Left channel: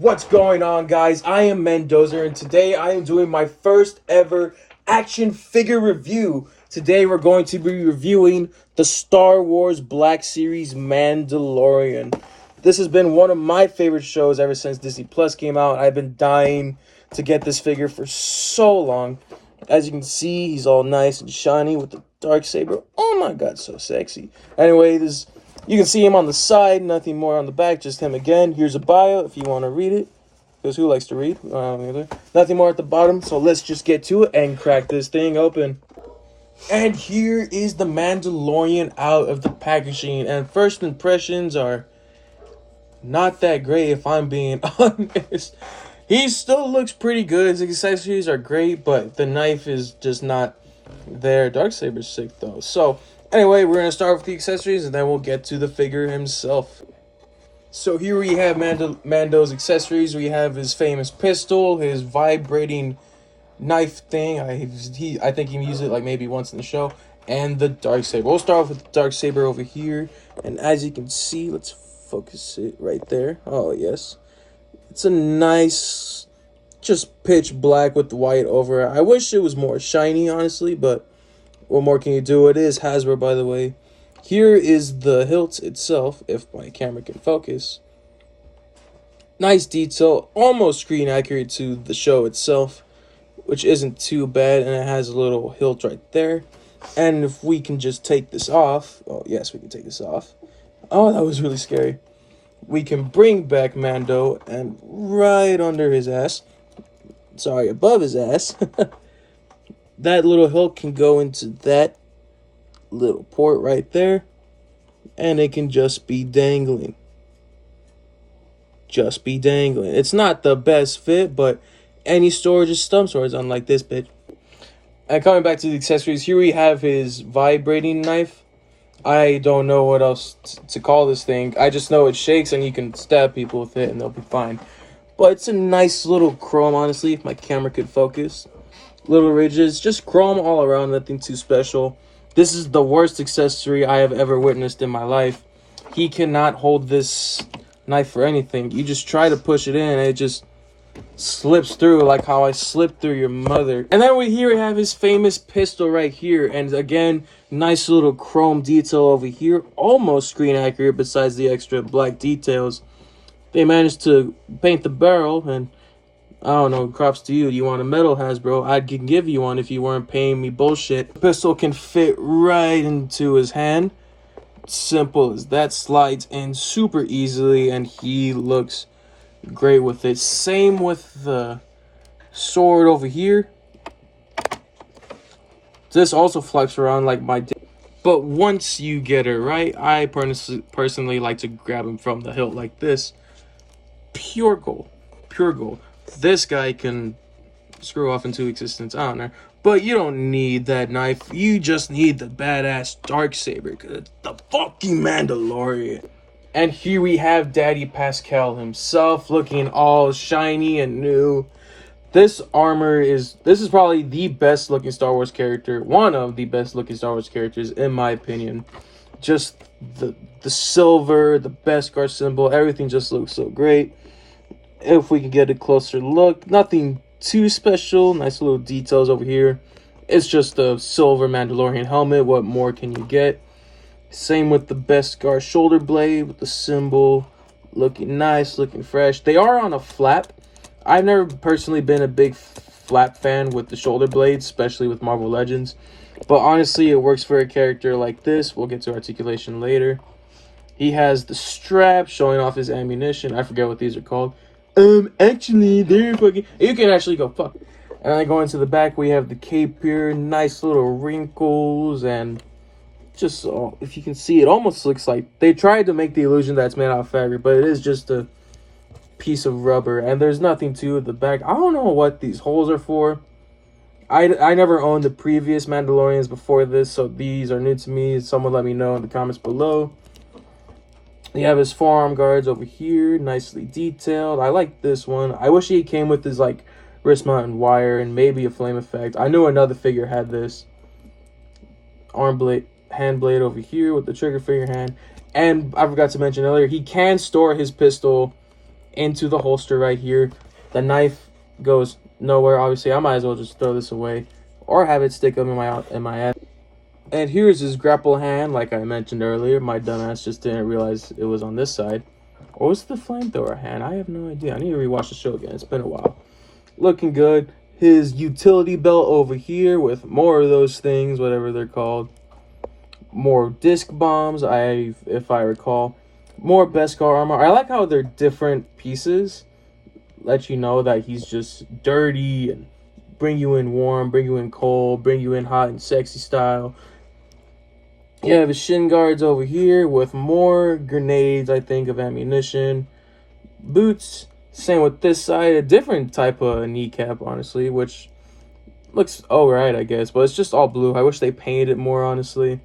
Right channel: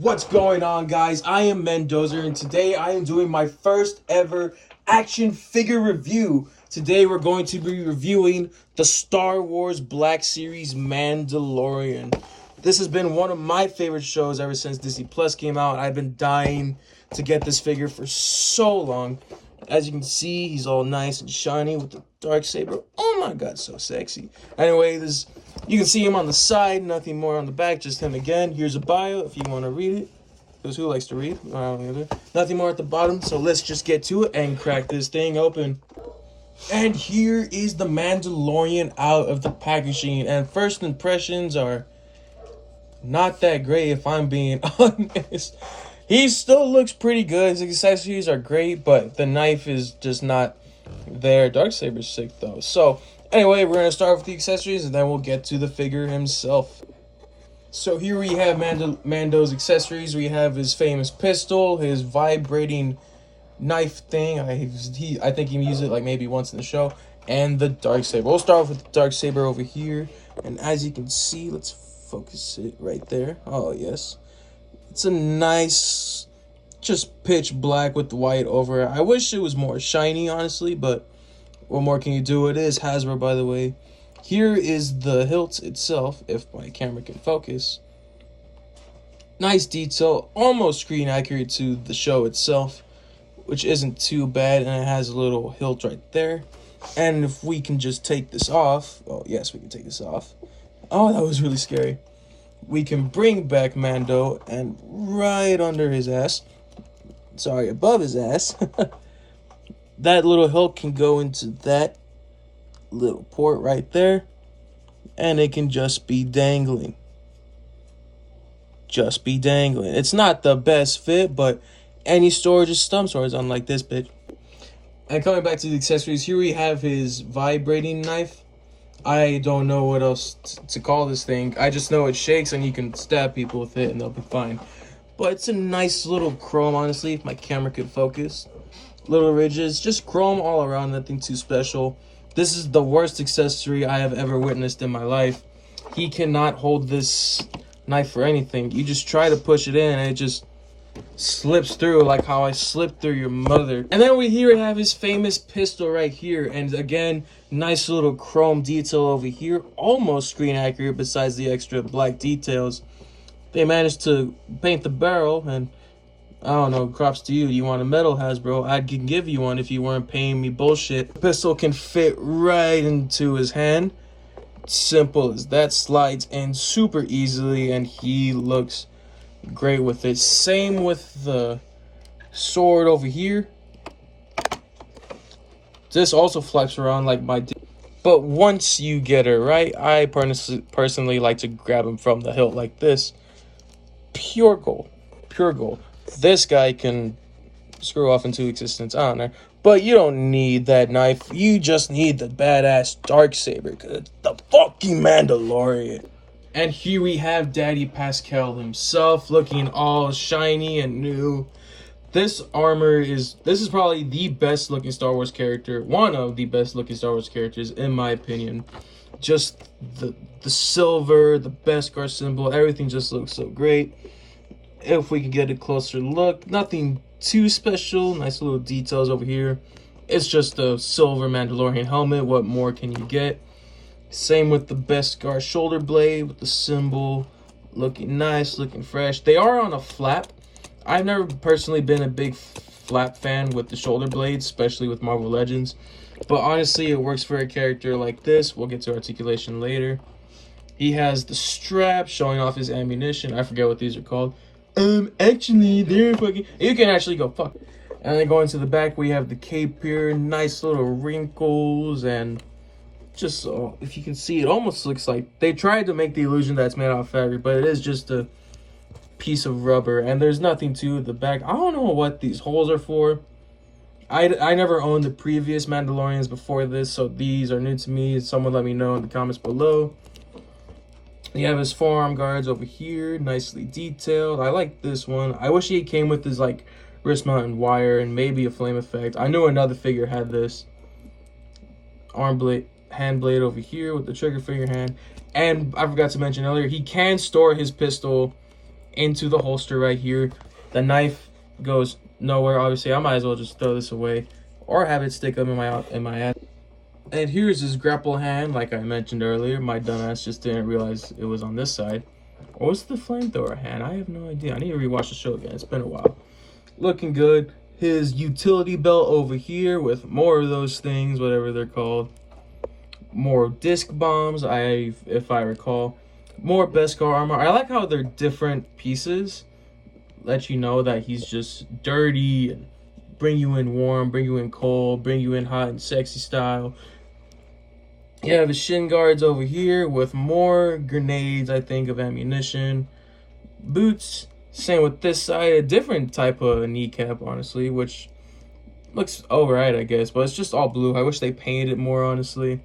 What's going on, guys? I am Mendoza, and today I am doing my first ever action figure review. Today we're going to be reviewing the Star Wars Black Series Mandolorian. This has been one of my favorite shows ever since Disney Plus came out. I've been dying to get this figure for so long. As you can see, he's all nice and shiny with the dark saber. Oh my god, so sexy. Anyway, you can see him on the side, nothing more on the back, just him again. Here's a bio if you want to read it, because who likes to read? Nothing more at the bottom, so let's just get to it and crack this thing open. And here is the Mandalorian out of the packaging, and first impressions are not that great if I'm being honest. He still looks pretty good, his accessories are great, but the knife is just not there. Darksaber's sick though. So anyway, we're going to start with the accessories and then we'll get to the figure himself. So here we have Mando's accessories. We have his famous pistol, his vibrating knife thing. I think he can use it like maybe once in the show. And the Darksaber. We'll start off with the Darksaber over here. And as you can see, let's focus it right there. Oh, yes. It's a nice, just pitch black with the white over it. I wish it was more shiny, honestly, but what more can you do? It is Hasbro, by the way. Here is the hilt itself, if my camera can focus. Nice detail, almost screen accurate to the show itself, which isn't too bad, and it has a little hilt right there. And if we can just take this off, oh yes, we can take this off. Oh, that was really scary. We can bring back Mando, and right under his ass, sorry, above his ass, that little hilt can go into that little port right there, and it can just be dangling. Just be dangling. It's not the best fit, but any storage is stump storage, unlike this bitch. And coming back to the accessories, here we have his vibrating knife. I don't know what else to call this thing. I just know it shakes and you can stab people with it and they'll be fine. But it's a nice little chrome, honestly, if my camera could focus. Little ridges, just chrome all around, nothing too special. This is the worst accessory I have ever witnessed in my life. He cannot hold this knife for anything. You just try to push it in and it just slips through, like how I slipped through your mother. And then we here have his famous pistol right here, and again, nice little chrome detail over here, almost screen accurate besides the extra black details. They managed to paint the barrel, and I don't know, props to you. You want a metal Hasbro? I can give you one if you weren't paying me bullshit. The pistol can fit right into his hand. Simple as that, slides in super easily, and he looks great with it. Same with the sword over here. This also flips around like my dick. But once you get it right, I personally like to grab him from the hilt like this. Pure gold. Pure gold. This guy can screw off into existence. I don't know. But you don't need that knife. You just need the badass Darksaber, because it's the fucking Mandalorian. And here we have Daddy Pascal himself, looking all shiny and new. This armor this is probably the best looking Star Wars character, one of the best looking Star Wars characters in my opinion. Just the silver, the Beskar symbol, everything just looks so great. If we can get a closer look, nothing too special, nice little details over here. It's just a silver Mandalorian helmet, what more can you get? Same with the Beskar shoulder blade with the symbol, looking nice, looking fresh. They are on a flap. I've never personally been a big flap fan with the shoulder blades, especially with Marvel Legends. But honestly, it works for a character like this. We'll get to articulation later. He has the strap showing off his ammunition. I forget what these are called. Actually, they're fucking... You can actually go fuck. And then going to the back, we have the cape here. Nice little wrinkles and... just if you can see, it almost looks like they tried to make the illusion that it's made out of fabric, but it is just a piece of rubber, and there's nothing to the back. I don't know what these holes are for. I never owned the previous Mandalorians before this, so these are new to me. Someone let me know in the comments below. You have his forearm guards over here, nicely detailed. I like this one. I wish he came with his like wrist mounted wire and maybe a flame effect. I knew another figure had this. Arm blade, hand blade over here with the trigger finger hand. And I forgot to mention earlier, he can store his pistol into the holster right here. The knife goes nowhere. Obviously, I might as well just throw this away or have it stick up in my ass. And here's his grapple hand, like I mentioned earlier. My dumbass just didn't realize it was on this side. Or was it the flamethrower hand? I have no idea. I need to rewatch the show again. It's been a while. Looking good. His utility belt over here with more of those things, whatever they're called. More disc bombs, if I recall. More Beskar armor. I like how they're different pieces. Let you know that he's just dirty and bring you in warm, bring you in cold, bring you in hot and sexy style. You have his shin guards over here with more grenades, I think, of ammunition. Boots, same with this side, a different type of kneecap, honestly, which looks alright, I guess, but it's just all blue. I wish they painted it more, honestly.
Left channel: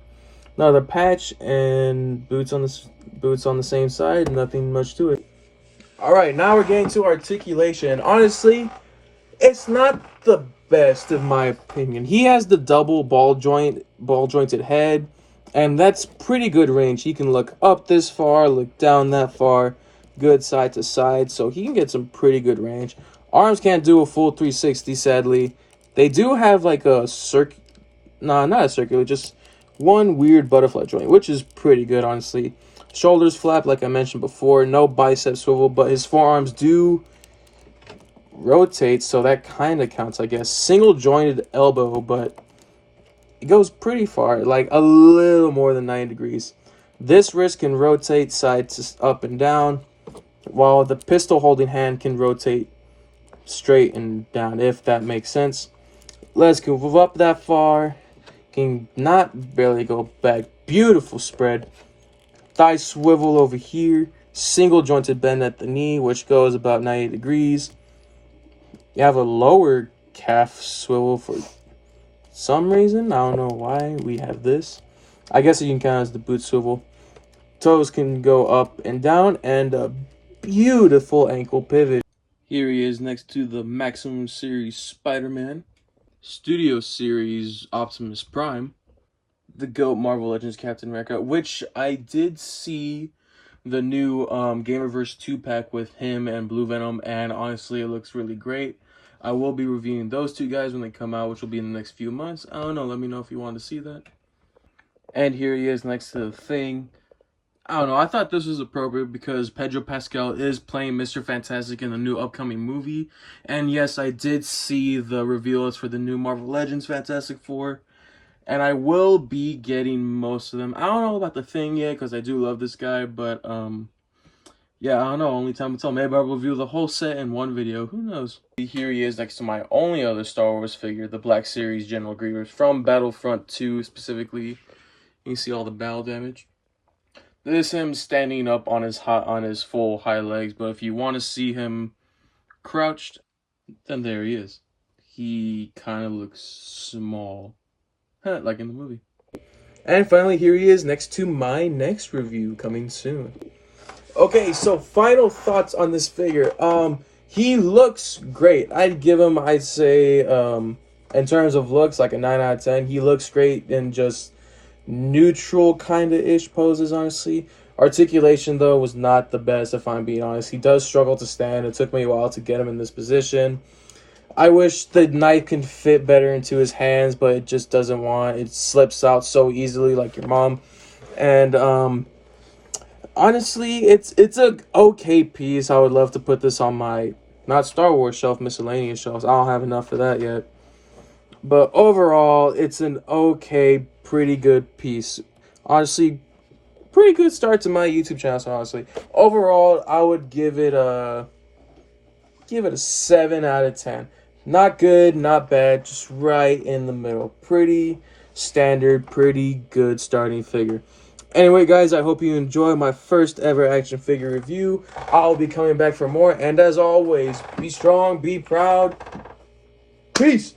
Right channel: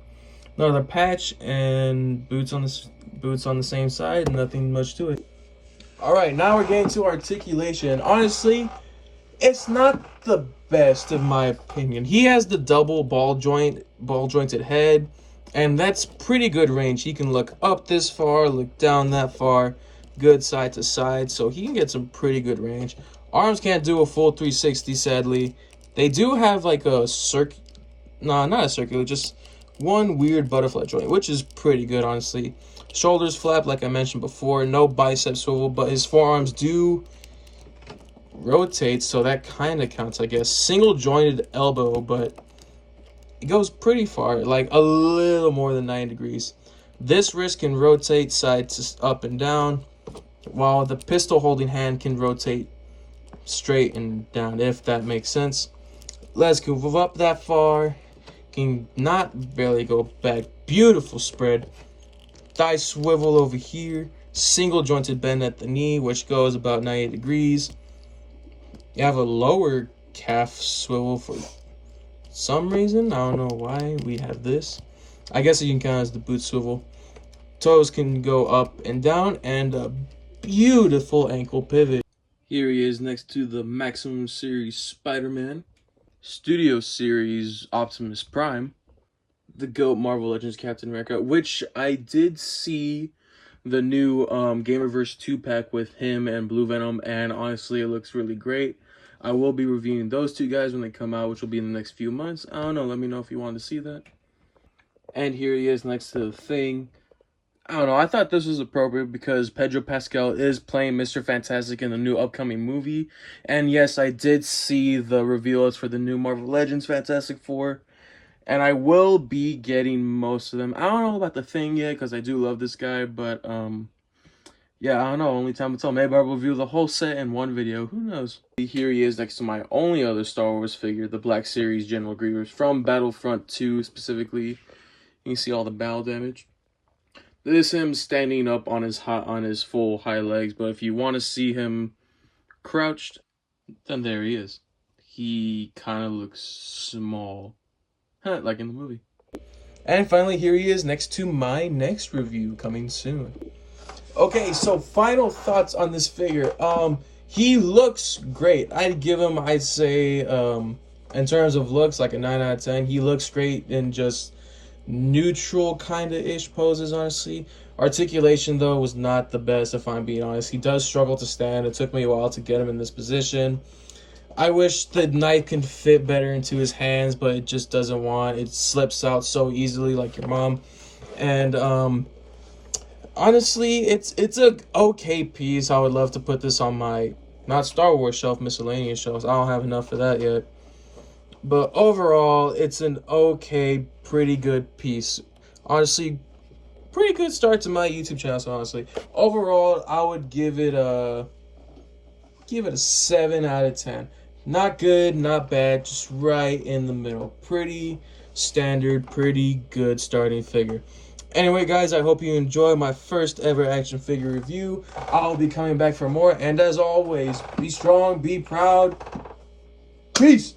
Another patch and boots on the same side, nothing much to it. Alright, now we're getting to articulation, and honestly, it's not the best in my opinion. He has the double ball jointed head, and that's pretty good range. He can look up this far, look down that far, good side to side, so he can get some pretty good range. Arms can't do a full 360, sadly. They do have like a not a circular, just one weird butterfly joint, which is pretty good, honestly. Shoulders flap, like I mentioned before. No bicep swivel, but his forearms do rotate, so that kind of counts, I guess. Single jointed elbow, but it goes pretty far, like a little more than 90 degrees. This wrist can rotate side to up and down, while the pistol holding hand can rotate straight and down, if that makes sense. Let's go up that far. Can not barely go back. Beautiful spread. Thigh swivel over here. Single jointed bend at the knee, which goes about 90 degrees. You have a lower calf swivel for some reason. I don't know why we have this. I guess you can count as the boot swivel. Toes can go up and down, and a beautiful ankle pivot. Here he is next to the Maximum Series Spider-Man, Studio Series Optimus Prime, the GOAT Marvel Legends Captain America, which I did see the new Gamerverse 2-pack with him and Blue Venom, and honestly, it looks really great. I will be reviewing those two guys when they come out, which will be in the next few months. I don't know, let me know if you want to see that. And here he is next to the Thing. I don't know, I thought this was appropriate because Pedro Pascal is playing Mr. Fantastic in the new upcoming movie. And yes, I did see the reveals for the new Marvel Legends Fantastic Four. And I will be getting most of them. I don't know about the Thing yet because I do love this guy. But, yeah, I don't know. Only time will tell. Maybe I'll review the whole set in one video. Who knows? Here he is next to my only other Star Wars figure, the Black Series General Grievous from Battlefront 2 specifically. You can see all the battle damage. This is him standing up on his full high legs, but if you want to see him crouched, then there he is. He kind of looks small, like in the movie. And finally, here he is next to my next review coming soon. Okay, so final thoughts on this figure. He looks great. I'd give him, I'd say, in terms of looks, like a 9 out of 10. He looks great in just neutral kind of ish poses, honestly. Articulation though was not the best, if I'm being honest. He does struggle to stand. It took me a while to get him in this position. I wish the knife can fit better into his hands, but it just doesn't want. It slips out so easily, like your mom. And honestly, it's a okay piece. I would love to put this on my not Star Wars shelf, miscellaneous shelves. I don't have enough for that yet. But overall, it's an okay, pretty good piece. Honestly, pretty good start to my YouTube channel, so honestly. Overall, I would give it a 7 out of 10. Not good, not bad, just right in the middle. Pretty standard, pretty good starting figure. Anyway, guys, I hope you enjoy my first ever action figure review. I'll be coming back for more, and as always, be strong, be proud. Peace!